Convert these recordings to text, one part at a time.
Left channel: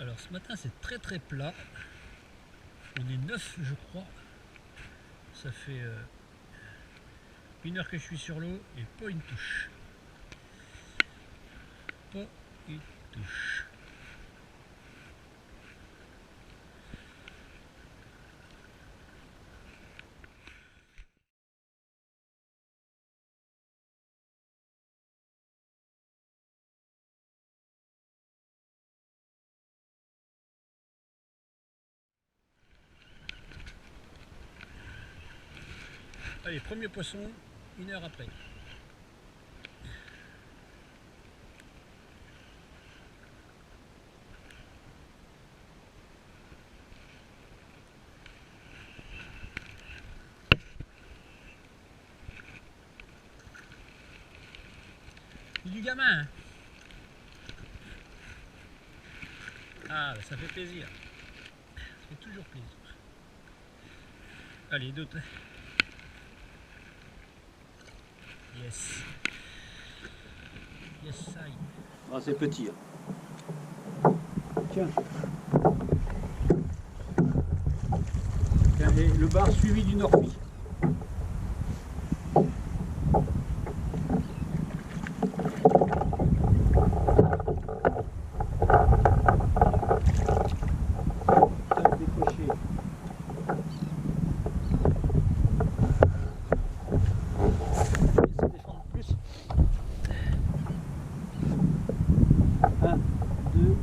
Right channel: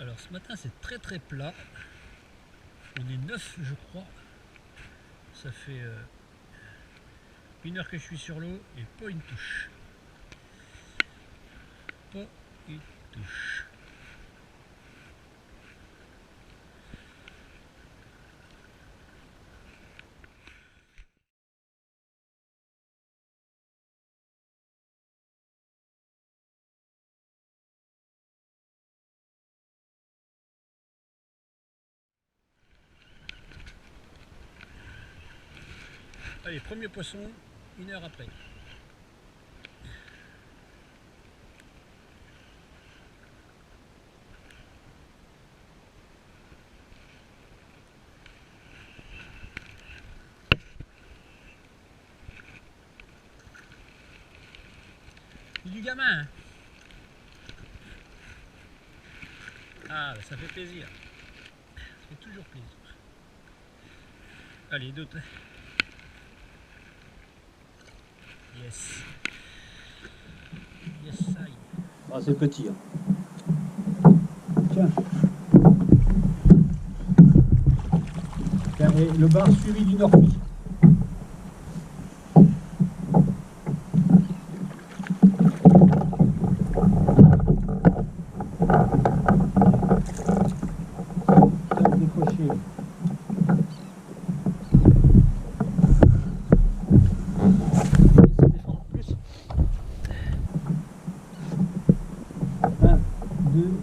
Alors ce matin c'est très très plat. On est 9 je crois. Ça fait 1 heure que je suis sur l'eau et pas une touche. Pas une touche. Allez, premier poisson, 1 heure après. C'est du gamin hein. Ah, bah, ça fait plaisir. Ça fait toujours plaisir. Allez, d'autres. Yes. Yes, ça y est. Ah, c'est petit. Hein. Tiens. Tiens, et le bar suivi d'une orpie. Tiens, décroché. Se défendre plus. 1, 2,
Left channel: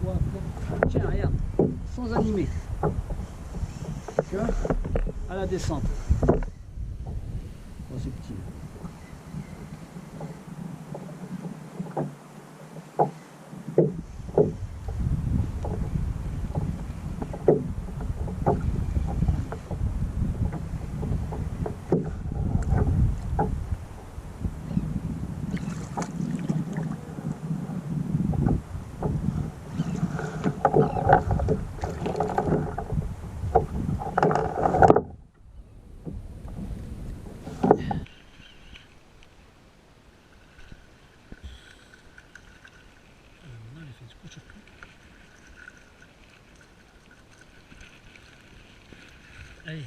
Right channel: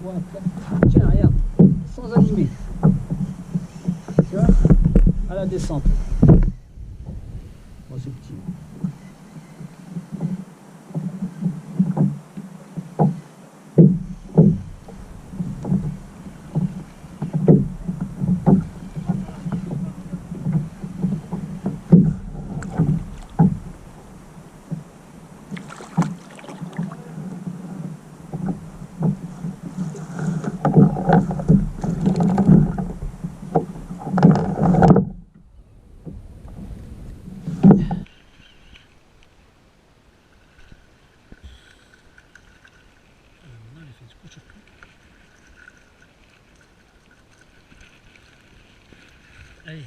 3, 4. Tiens, regarde, sans animer. Tu vois, à la descente. Oh, c'est petit. Maintenant, il fait du coup sur tout. Allez.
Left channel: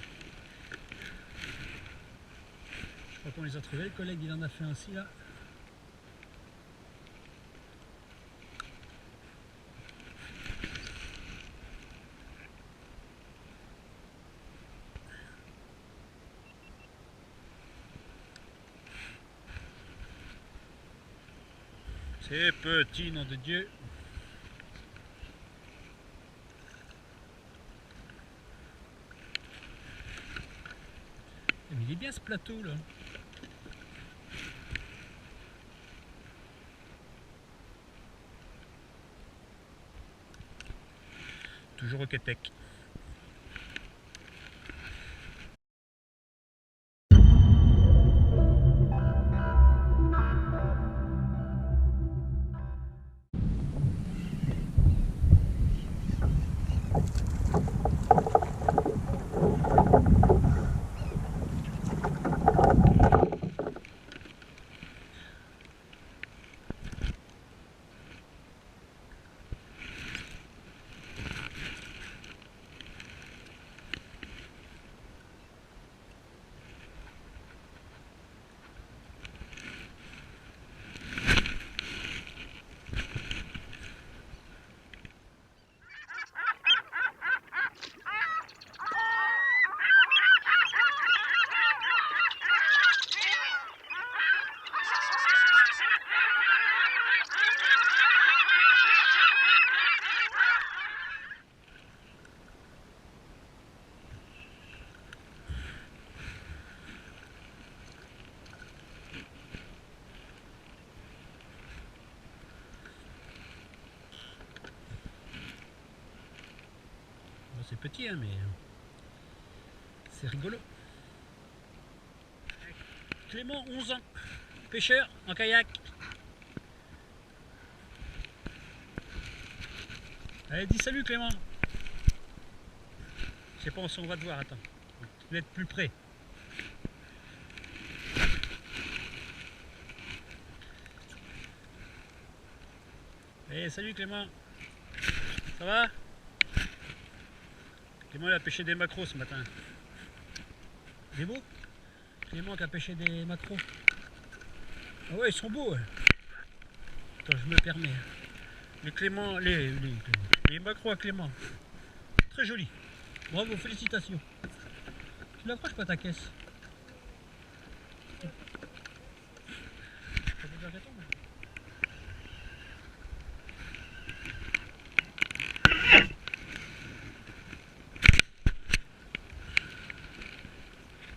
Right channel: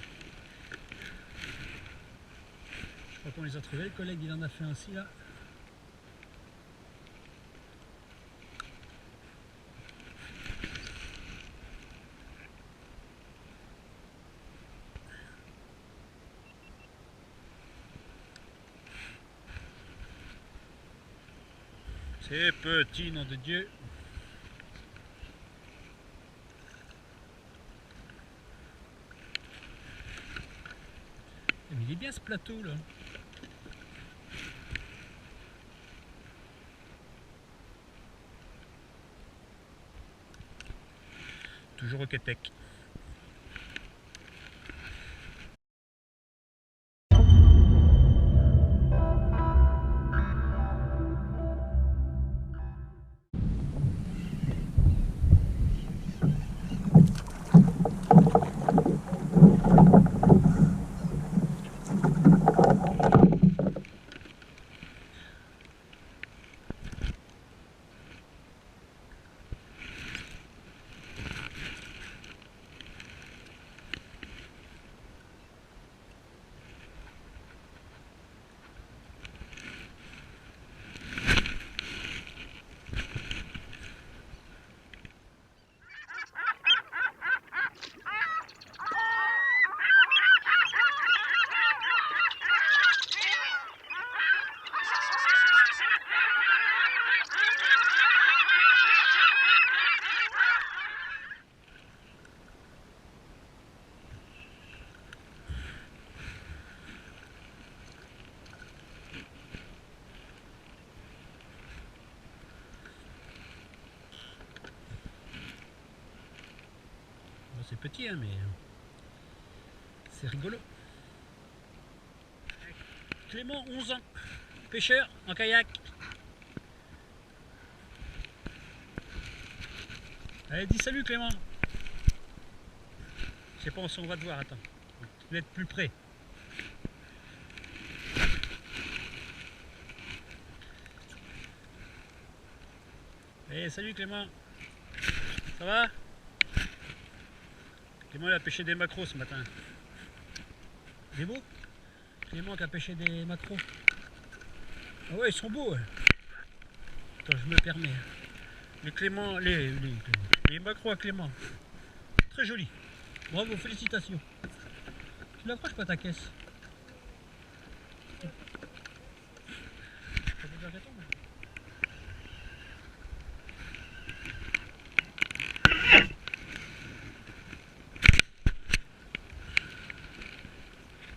Je crois qu'on les a trouvés. Le collègue, il en a fait un aussi là. C'est petit, nom de Dieu. Mais il est bien ce plateau là. Toujours au Québec. C'est petit hein, mais c'est rigolo. Clément, 11 ans, pêcheur en kayak. Allez, dis salut Clément. Je sais pas si on va te voir, attends. Tu vas être plus près. Allez, salut Clément. Ça va? Clément il a pêché des maquereaux ce matin. Des beaux? Clément qui a pêché des maquereaux. Ah ouais, ils sont beaux. Ouais. Attends, je me permets. Les maquereaux à Clément. Très joli. Bravo, félicitations. Tu n'accroches pas ta caisse.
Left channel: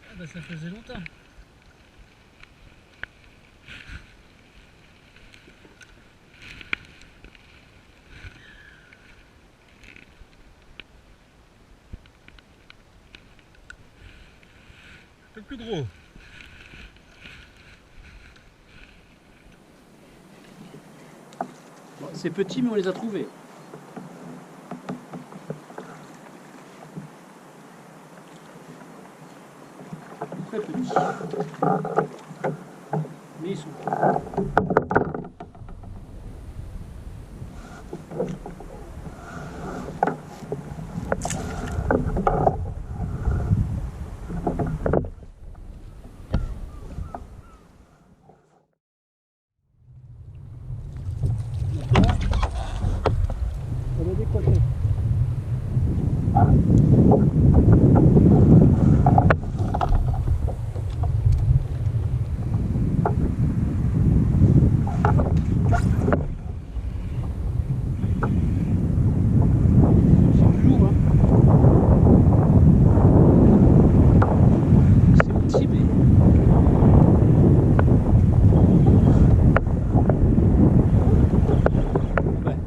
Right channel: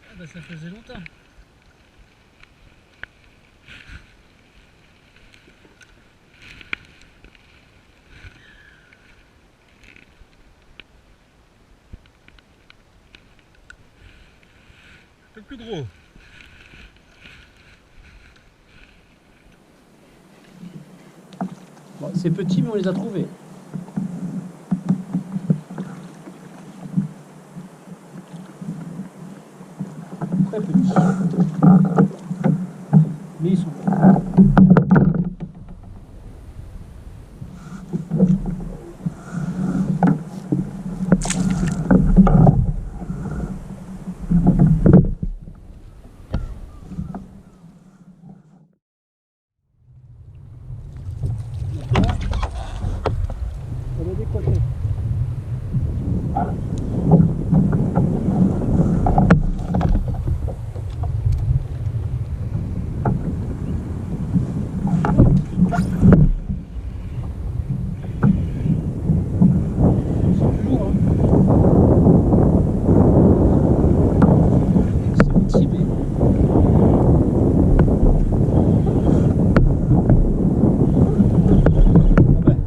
Ah bah ça faisait longtemps. Un peu plus gros. Bon, c'est petit, mais on les a trouvés. Très petits. Mais ils sont. Elle est décochée. C'est plus lourd, hein. C'est petit, mais. Ah ben.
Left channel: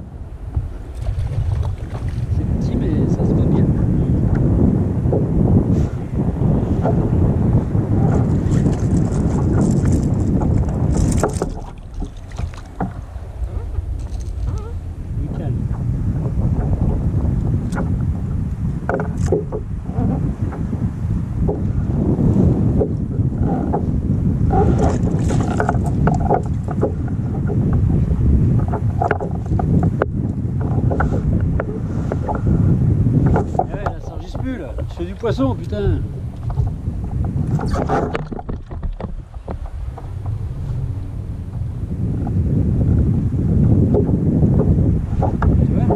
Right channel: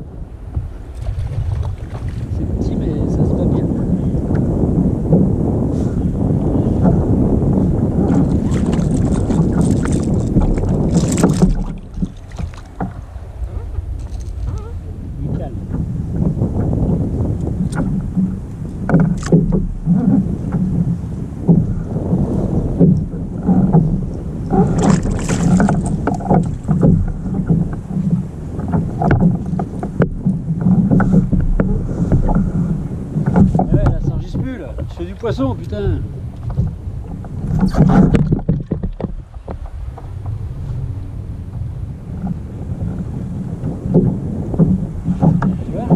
C'est petit, mais ça se va bien. Nickel. Eh ouais, là, ça enregistre plus, là. Je fais du poisson, putain. Tu vois?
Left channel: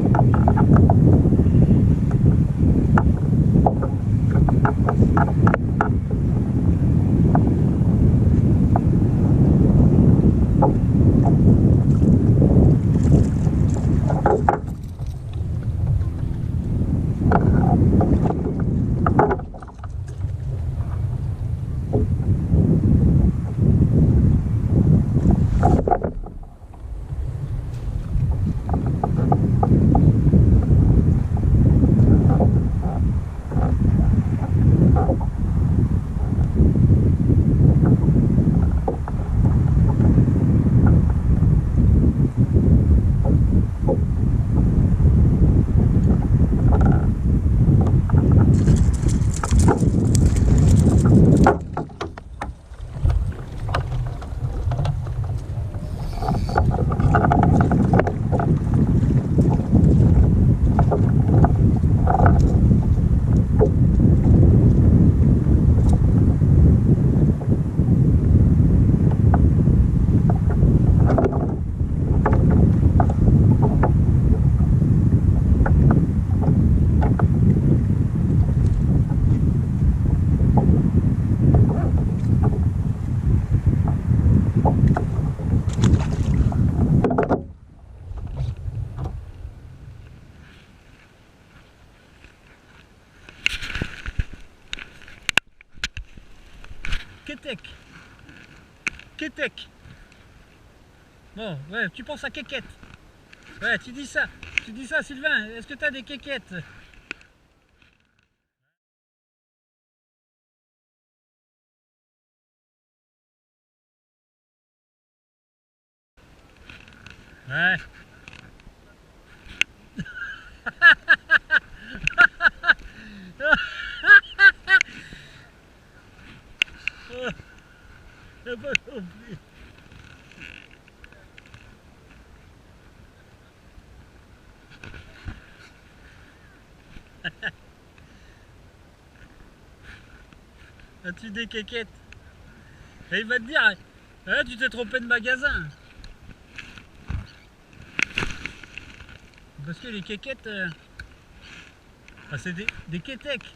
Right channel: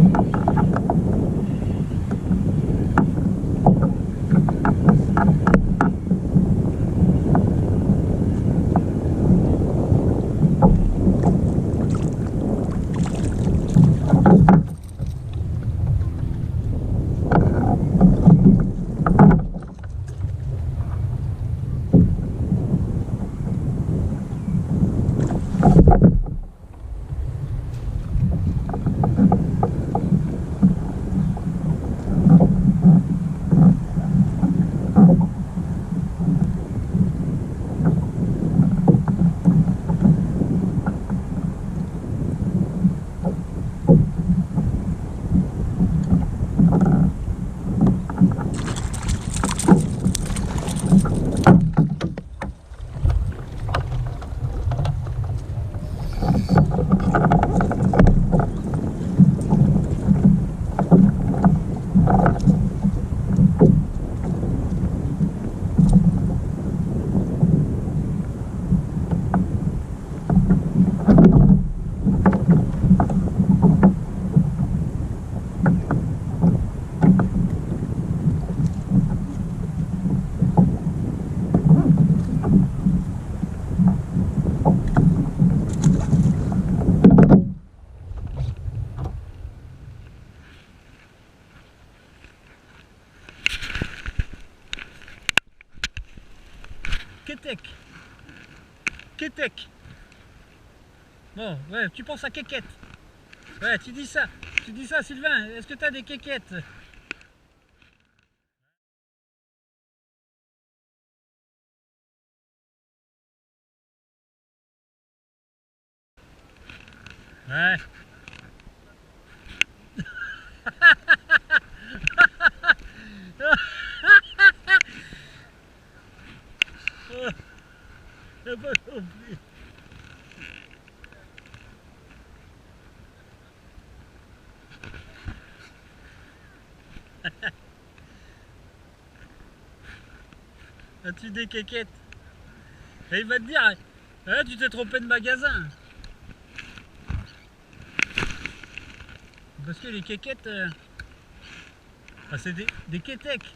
Kétek. Kétek. Bon, ouais, tu penses à kékette. Ouais, tu dis ça. Tu dis ça, Sylvain. Est-ce que tu as des kékettes? Ouais. J'ai pas compris. As-tu des quéquettes? Et il va te dire, ah, tu t'es trompé de magasin. Parce que les quéquettes, c'est des quétecs.